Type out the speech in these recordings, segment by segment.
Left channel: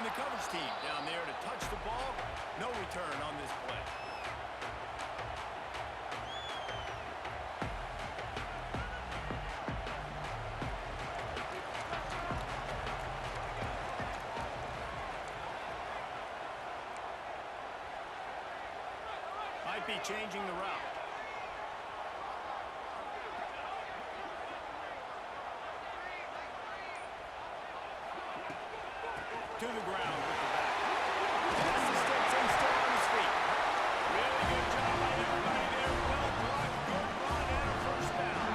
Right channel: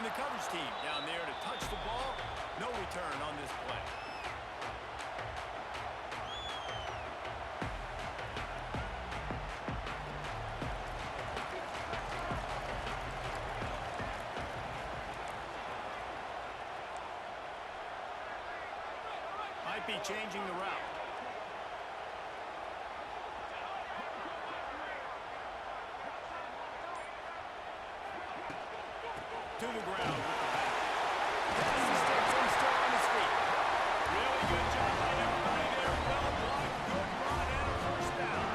And the coverage team down there to touch the ball. No return on this play. Might be changing the route. To the ground with the back. Pass the sticks and still on his feet. Really good job by everybody there. Well blocked, good run, and a first down.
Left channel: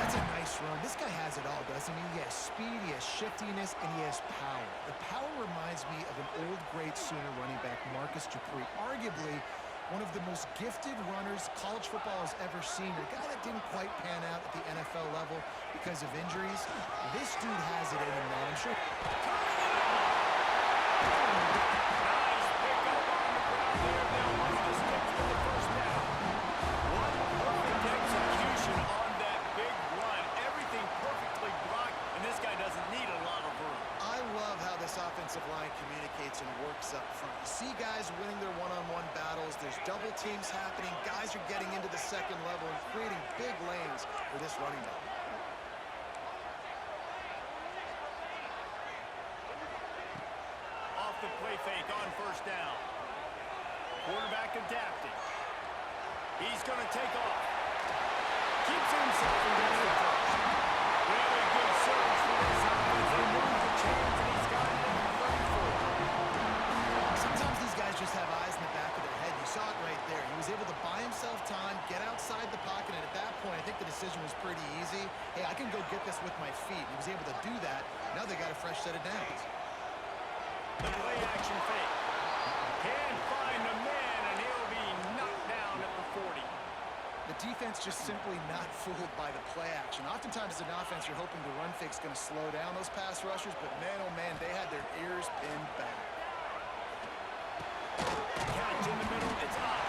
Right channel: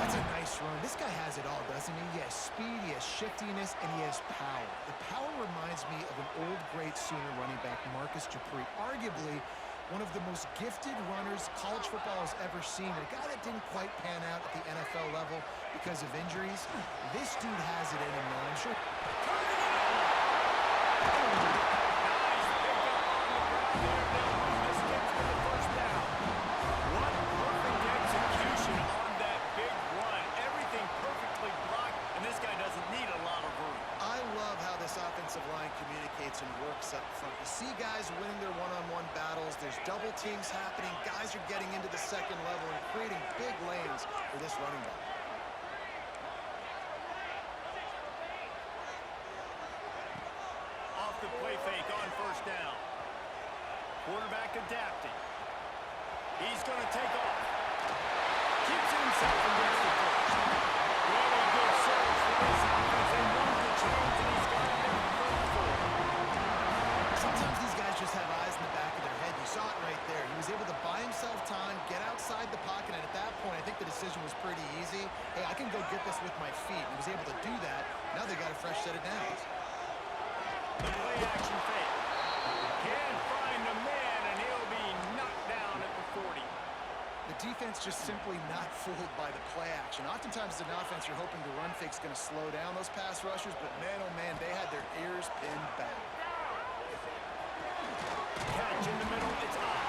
That's a nice run. This guy has it all, doesn't he? He has speed, he has shiftiness, and he has power. The power reminds me of an old great Sooner running back, Marcus Dupree. Arguably one of the most gifted runners college football has ever seen. A guy that didn't quite pan out at the NFL level because of injuries. This dude has it in him, though. I'm sure. Nice pickup on the ground there. They'll move the sticks for the first down. What perfect execution on that big run. Everything perfectly blocked, and this guy doesn't need a lot of room. I love how this offensive line communicates and works up front. You see guys winning their one-on-one battles. There's double teams happening. Guys are getting into the second level and creating big lanes for this running back. Off the play fake on first down. Quarterback adapting. He's going to take off. Keeps it himself and gets the first. Really good surge for this offense. They move the chains, and he's got it at the 34. Sometimes these guys just have eyes in the back of their head. You saw it right there. He was able to buy himself time, get outside the pocket, and at that point, I think the decision was pretty easy. Hey, I can go get this with my feet. He was able to do that. Now they got a fresh set of downs. The play action fake. Can't find a man, and he'll be knocked down at the 40. The defense just simply not fooled by the play action. Oftentimes as an offense, you're hoping the run fake's going to slow down those pass rushers, but man, oh man, they had their ears pinned back. Catch in the middle, it's up.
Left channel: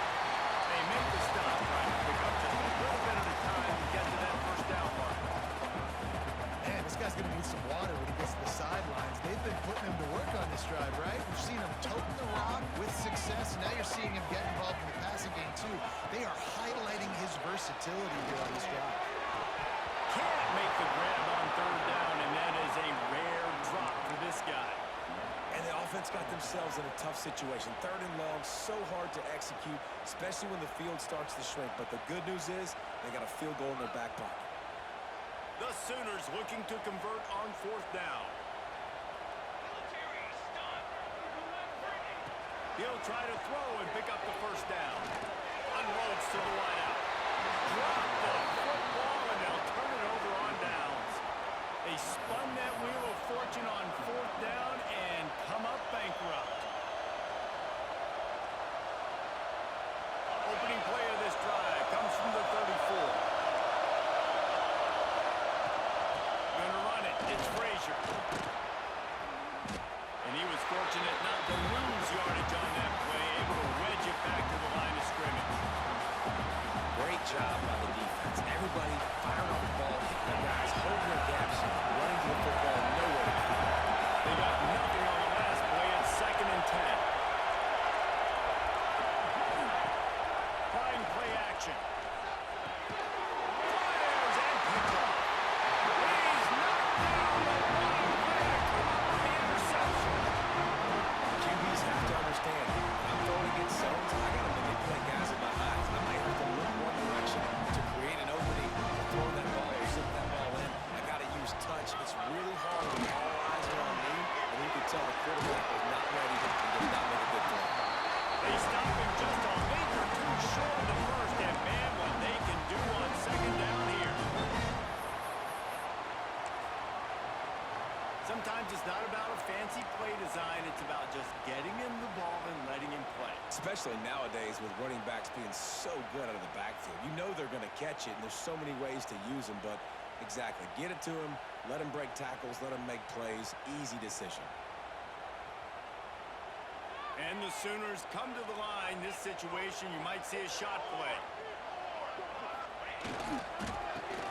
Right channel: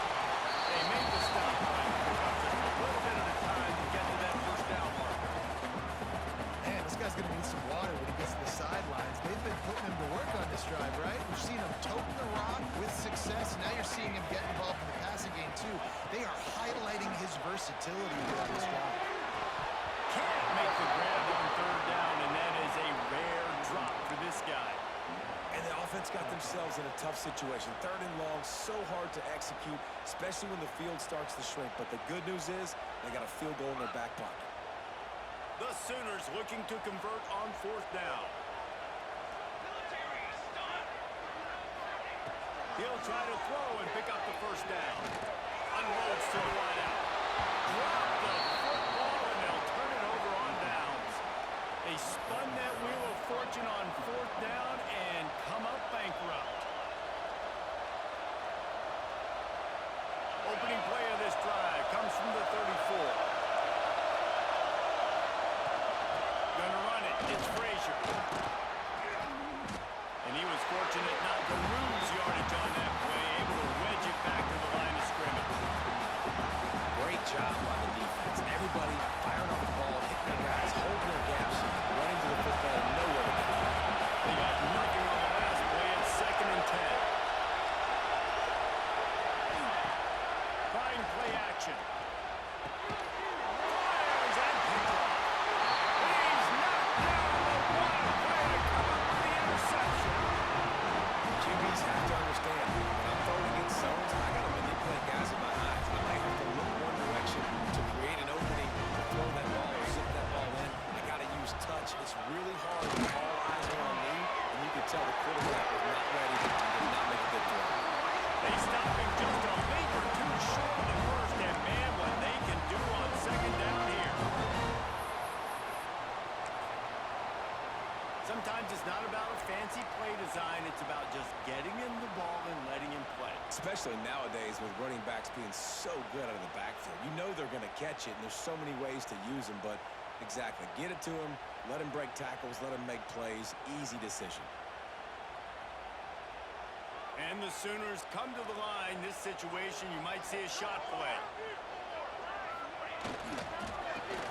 They make the stop, trying to pick up just a little bit at a time to get to that first down marker. Man, this guy's going to need some water when he gets to the sidelines. They've been putting him to work on this drive, right? We've seen him toting the rock with success. Now you're seeing him get involved in the passing game, too. They are highlighting his versatility here on this drive. Can't make the grab on third down, and that is a rare drop for this guy. And the offense got themselves in a tough situation. Third and long, so hard to execute, especially when the field starts to shrink. But the good news is they got a field goal in their back pocket. The Sooners looking to convert on fourth down. He'll try to throw and pick up the first down. Unloads to the wideout. Drop the football, and they'll turn it over on downs. They spun that wheel of fortune on fourth down and come up bankrupt. Opening play of this drive comes from the 34. Gonna run it. It's Frazier. And he was fortunate not to lose yardage on that play, able to wedge it back to the line of scrimmage. Great job by the defense. Everybody firing off the ball, hitting their guys, holding their gaps, running to the football, nowhere to go. They got nothing on the last play. It's 2nd and 10. Trying play action. Fires and picked off. He's knocked down the one play to come up with the interception. QBs have to understand, when I'm throwing against zones, I got to manipulate guys with my eyes. I might have to look one direction to create an opening to throw that ball or zip that ball in. I got to use touch. It's really hard when all eyes are on me, and you can tell the quarterback was not ready and did not make a good throw. They stop him just a link or two short of the first, and man, what they can do on second down here. Sometimes it's not about a fancy play design. It's about just getting him the ball and letting him play. Especially nowadays with running backs being so good out of the backfield. You know they're going to catch it, and there's so many ways to use them, but exactly. Get it to him, let him break tackles, let him make plays. Easy decision. And the Sooners come to the line. This situation, you might see a shot play.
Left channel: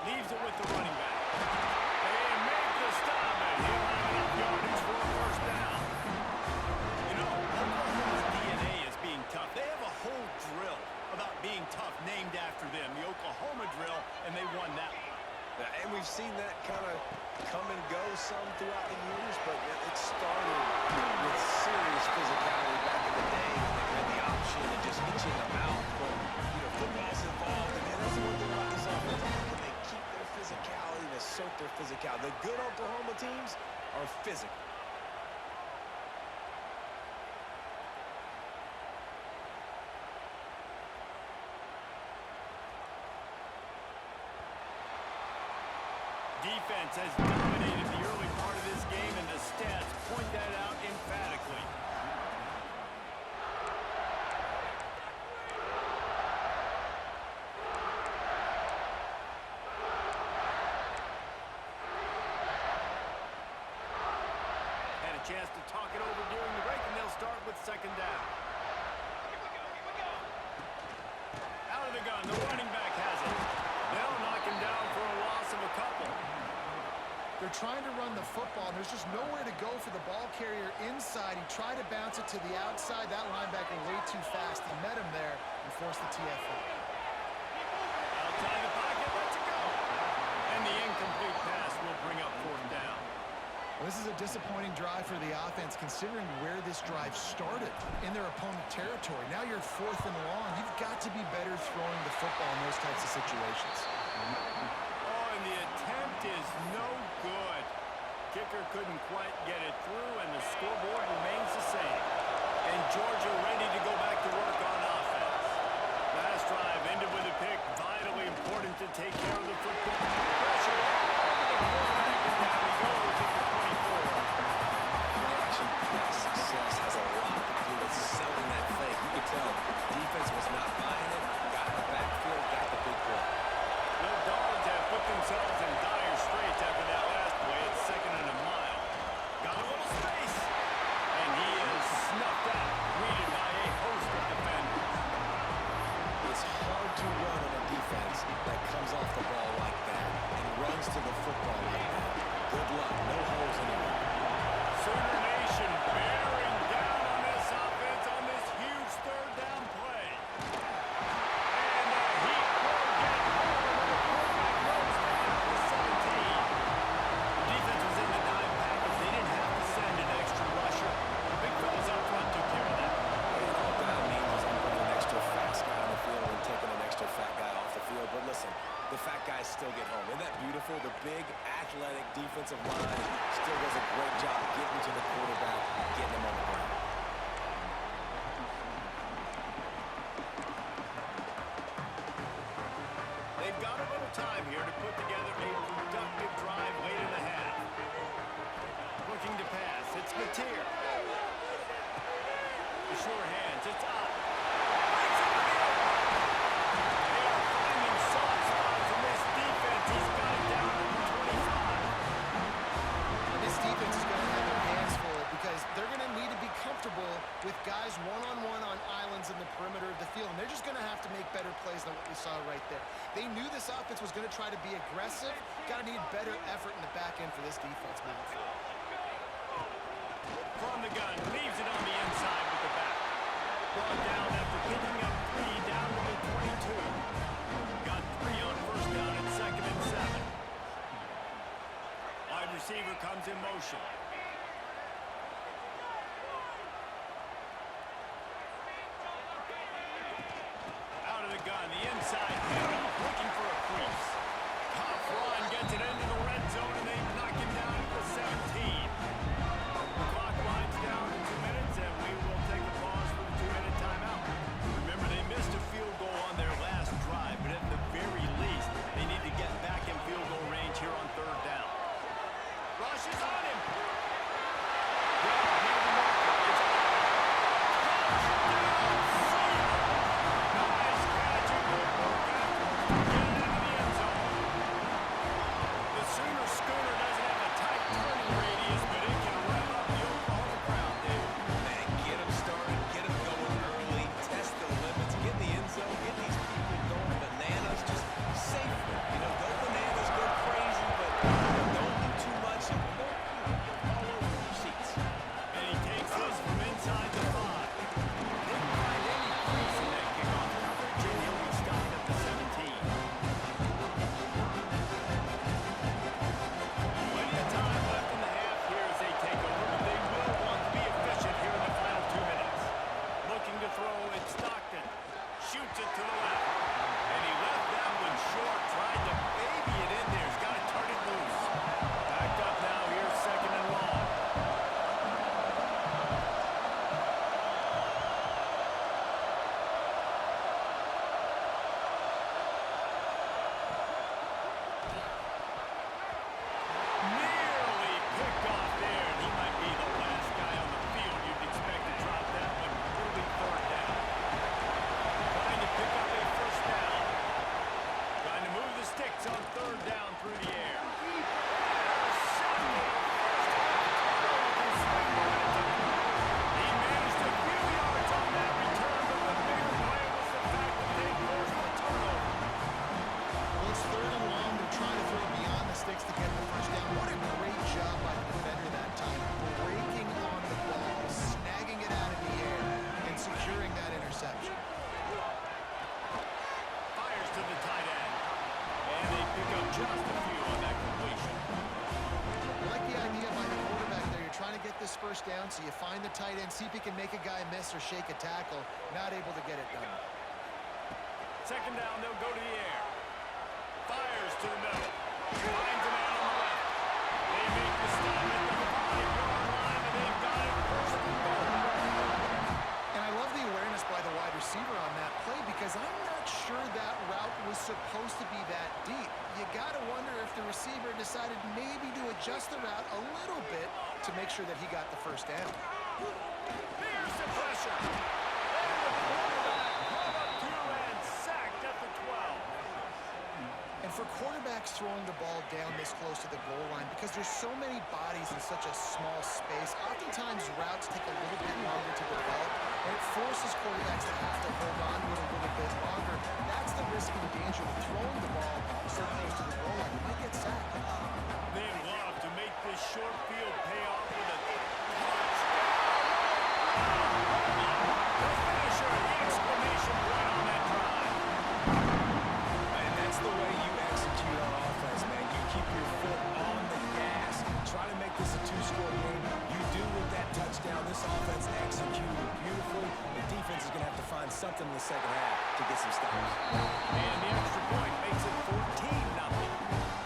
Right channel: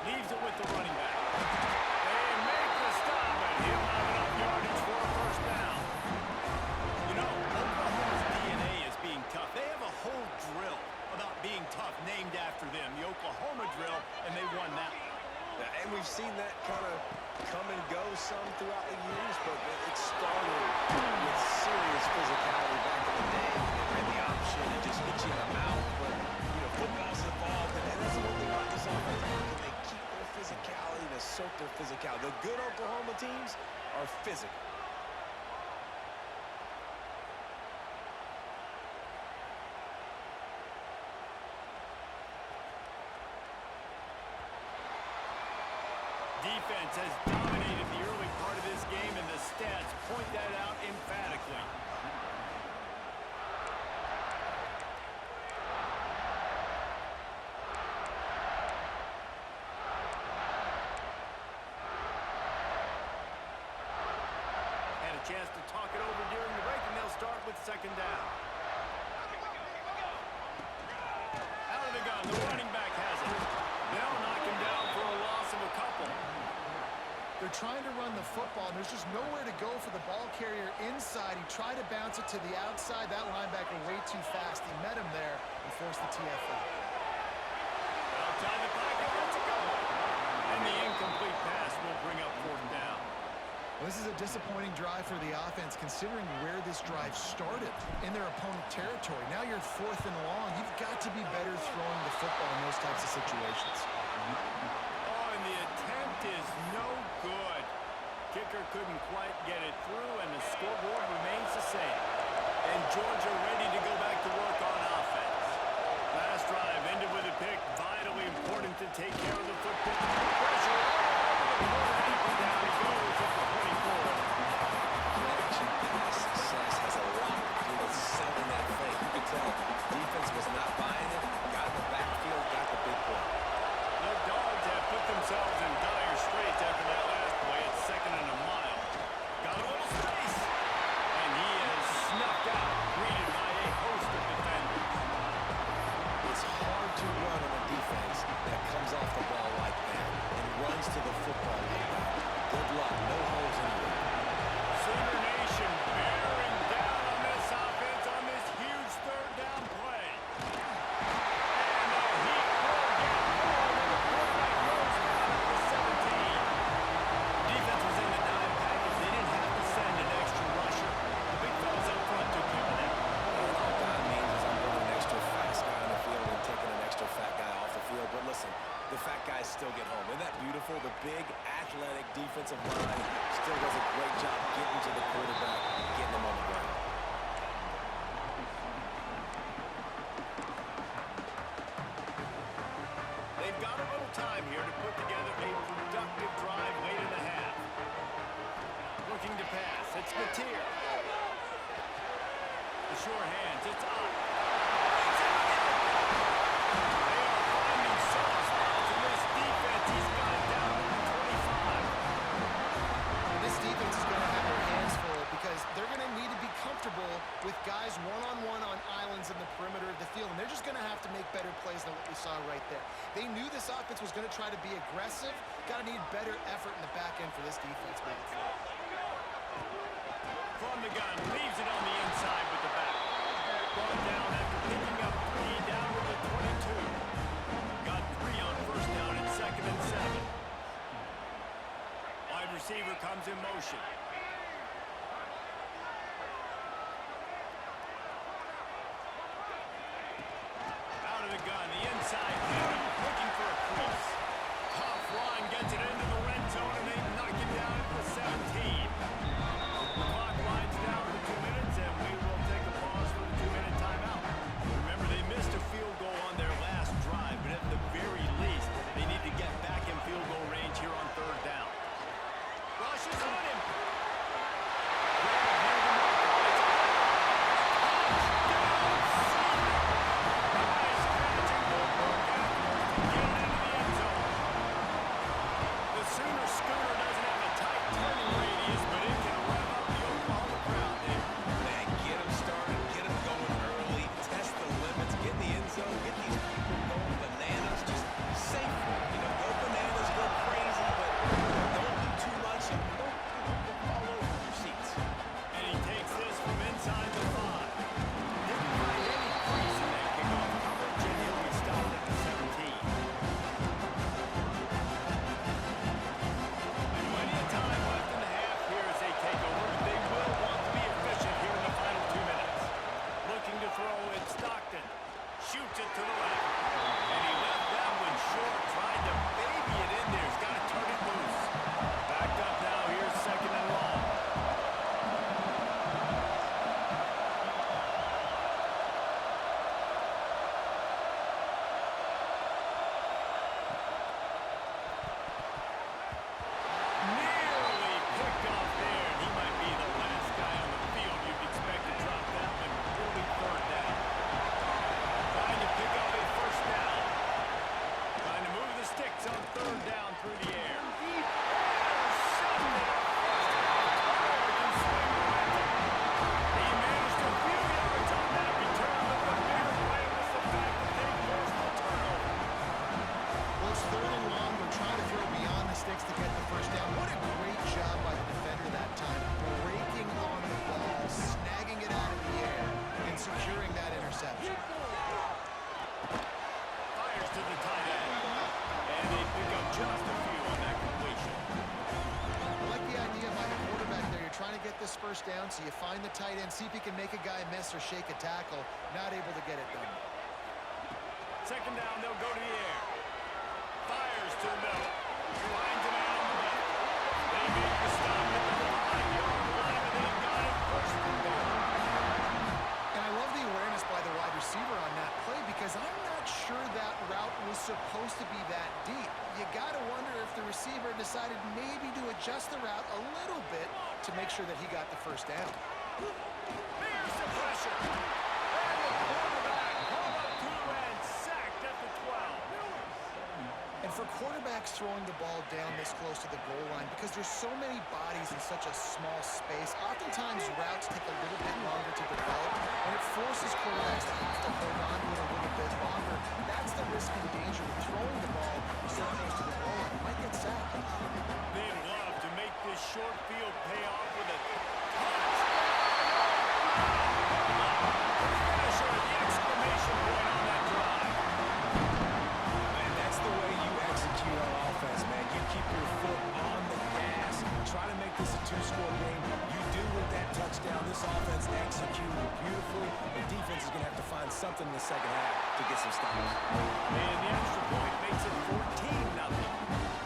Leaves it with the running back. They make the stop, and he'll have enough yardage for a first down. stuff named after them, the Oklahoma drill, and they won that one. And we've seen that kind of come and go some throughout the years, but it started with serious physicality back in the day when they ran the option and just hit you in the mouth. But, you know, football's evolved, and that's the one thing about this offense. Can they keep their physicality and assert their physicality? The good Oklahoma teams are physical. Defense has dominated the early part of this game, and the stats point that out emphatically. Had a chance to talk it over during the break, and they'll start with second down. Out of the gun, the running back has it. They'll knock him down for a loss of a couple. They're trying to run the football, and there's just nowhere to go for the ball carrier inside. He tried to bounce it to the outside. That linebacker way too fast. He met him there and forced the TFL. Outside the pocket, lets it go. And the incomplete pass will bring up fourth down. Well, this is a disappointing drive for the offense, considering where this drive started in their opponent territory. Now you're 4th and long. You've got to be better throwing the football in those types of situations. Oh, and the attempt is no good. Kicker couldn't quite get it through, and the scoreboard remains the same. And Georgia ready to go back to work on offense. Last drive ended with a pick. Vitally important to take care of the football. Pressure all over the quarterback, and down he goes at the 24. Play-action pass success has a lot to do with selling that fake. You could tell defense was not buying it, got in the backfield, got the big play. The Dogs have put themselves in dire straits after that last play. It's 2nd and a mile. Got a little space, and he is snuffed out, greeted by a host of defenders. It's hard to run on a defense that comes off the ball like that and runs to the football like that. Good luck. No holes anywhere. Sooner Nation bearing down on this offense on this huge 3rd down play. And the Heat will get home, and the quarterback goes down at the 17. The defense was in the dime package. They didn't have to send an extra rusher. The big fellas up front took care of that. And all dime means is I'm running an extra fast guy on the field and taking an extra fat guy off the field. But listen, the fat guys still get home. Isn't that beautiful? The big, athletic defensive line still does a great job getting to the quarterback, getting him on the ground. They've got a little time here to put together a productive drive late in the half. Looking to pass. It's Mateer. The sure hands. It's Ott. Brings it to the open. They are finding soft spots in this defense. He's got it down to the 25. And this defense is going to have their hands full because they're going to need to be comfortable with guys one-on-one on islands in the perimeter of the field, and they're just going to have to make better plays than what we saw right there. They knew this offense was going to try to be aggressive. Got to need better effort in the back end for this defense moving forward. From the gun, leaves it on the inside with the back. Brought down after picking up 3 down to the 22. Got 3 on 1st down at 2nd and 7. Wide receiver comes in motion. Out of the gun, the inside handoff, looking for a crease. Tough run, gets it into the red zone, and they knock him down at the 17. The clock winds down to 2 minutes, and we will take a pause for the 2-minute timeout. Remember, they missed a field goal on their last drive, but at the very least, they need to get back in field goal range here on 3rd down. Rush is on him. Grab near the marker. It's touchdown, Sooner. Nice catch and good work afterwards to get it into the end zone. The Sooner schooner doesn't have a tight turning radius, but it can rev up the Oklahoma crowd, Dave. Man, get them started, get them going early, test the Just a few on that completion. I like the idea by the quarterback there. You're trying to get this first down, so you find the tight end, see if he can make a guy miss or shake a tackle. Not able to get it done. Second down, they'll go to the air. Fires to the middle. Finds a man on the left. They make the stop at the 5-yard line, and they've got it first and goal. And I love the awareness by the wide receiver on that play because I'm not sure that route was supposed to be that deep. You got to wonder if the receiver decided maybe to adjust the route a little bit to make sure that he got the first down. Here's the pressure. And the quarterback caught up to and sacked at the 12. And for quarterbacks throwing the ball down this close to the goal line, because there's so many bodies in such a small space, oftentimes routes take a little bit longer to develop, and it forces quarterbacks to have to hold on to it a little bit longer. That's the risk and danger with throwing the ball so close to the goal line. You might get sacked. They'd love to make this short field pay off with a touchdown. The finisher, the exclamation point on that drive. And that's the way you execute on offense, man. You keep your foot on the gas. Try to make this a two-score game. You do with that touchdown. This offense executed beautifully. The defense is going to have to find something in the second half to get some stops. And the extra point makes it 14-0.